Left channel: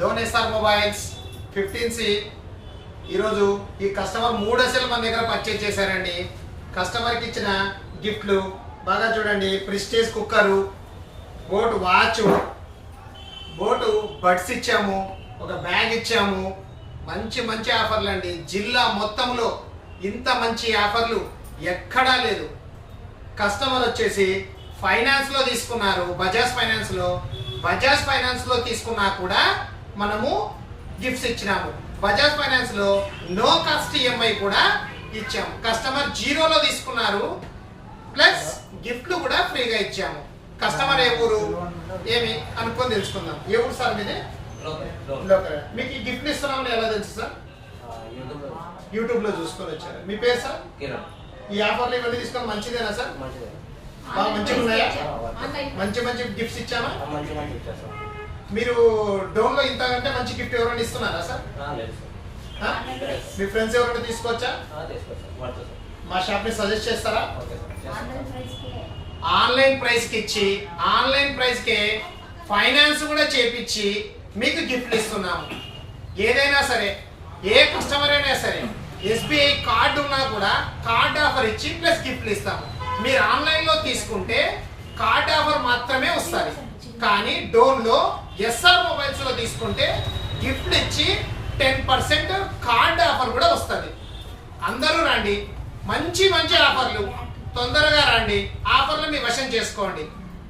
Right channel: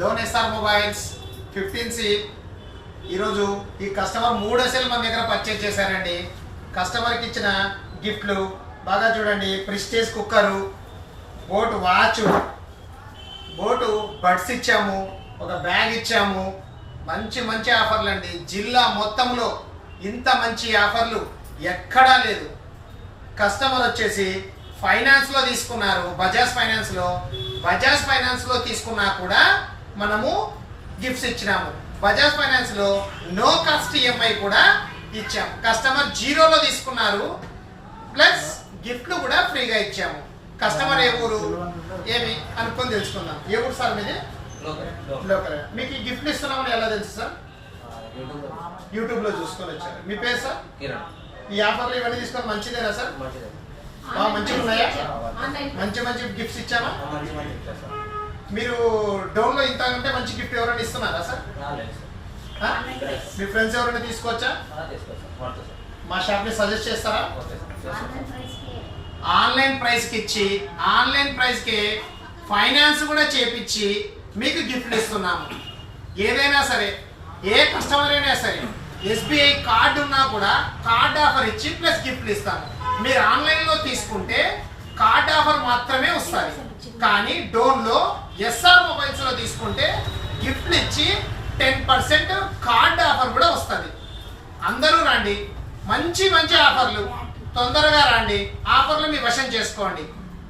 Dhone SR mobiles 15C ఈరోజు ఈ customer 3 అసలు మన దగ్గర పర్చేజ్ చేశారండి. కస్టమర్కి ఇచ్చిన గిఫ్ట్లు బాగా చూడండి. Prestige cooker, boat watch, boat buds ఇచ్చాము, ఒక బ్యాగ్ ఇచ్చాము. మంచి మంచి ఆఫర్లు అండి. జిల్లా మొత్తంలో ఇంత మంచి ఆఫర్లు ఎక్కడా లేదు. కస్టమర్ వచ్చేసి ఫైనాన్స్లో తీసుకున్నారు, బజాజ్ ఫైనాన్స్లో తీసుకున్నా కూడా మనము గిఫ్ట్స్ ఇచ్చినాము. బజాజ్ ఫైనాన్స్లో నో కాస్ట్ ఈఎంఐ కూడా ఇచ్చాము. కస్టమర్ జీరోలో తీసుకున్నారు, ప్లస్ గిఫ్ట్లు కూడా ఫ్రీగా ఇచ్చాము. కస్టమర్ ఏ ఊరు ఏమి అనుకొని తెలుసుకుందాం. ఏ ఊరు సార్ మీది? లోకల్. మీకు ఈ గిఫ్ట్లు ఇస్తున్నామని ఎలా తెలుసు సార్? యూట్యూబ్ లో చూసుకొని వచ్చారు. మీ పేరు సార్? ఈ ఆఫర్లు ఇవన్నీ తీసుకొని మంచిదేనా సార్? మంచిగా ఉన్నాయా? మంచి మంచి గిఫ్ట్స్ ఇచ్చానా? మీరు డోన్ లో ఇంతకంటే మంచి గిఫ్ట్ ఎవరైనా ఇస్తున్నారా సార్? మీ ఫ్రెండ్స్ ఎవరైనా తీసుకోవచ్చా? మా షాప్ ని సజెస్ట్ చేస్తారా? ఆన్లైన్ ప్రైస్ కి ఇచ్చి, ఆన్లైన్ ప్రైస్ కి ఫైనాన్స్ కూడా చేపించి మీకు గిఫ్ట్లు ఇస్తున్నాము. ఏదైనా సరే, ఏ కస్టమర్ అయినా సరే SBI కార్డు ఉన్నా కూడా కార్డ్ ఆఫర్ ఇచ్చి ప్లస్ గిఫ్ట్లు ఇస్తాము. మీరు ఆన్లైన్ లో తీసుకుంటే కార్డ్ ఆఫర్ మాత్రమే వస్తుంది, కానీ డోన్ లో ఎస్ఆర్ మొబైల్స్ లో తీసుకుంటే గిఫ్ట్లు ఇచ్చి 10% కార్డ్ ఆఫర్ కూడా వస్తుంది. అందరూ రండి, మంచి మంచి ఆఫర్లు, తొందరగా రండి. ఆఫర్లు మీ వశం చేసుకోండి.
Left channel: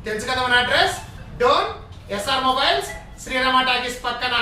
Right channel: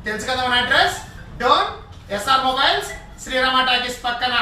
తెలుసు కదా మన address, Dhone SR mobiles, Srirama talkies పక్కన.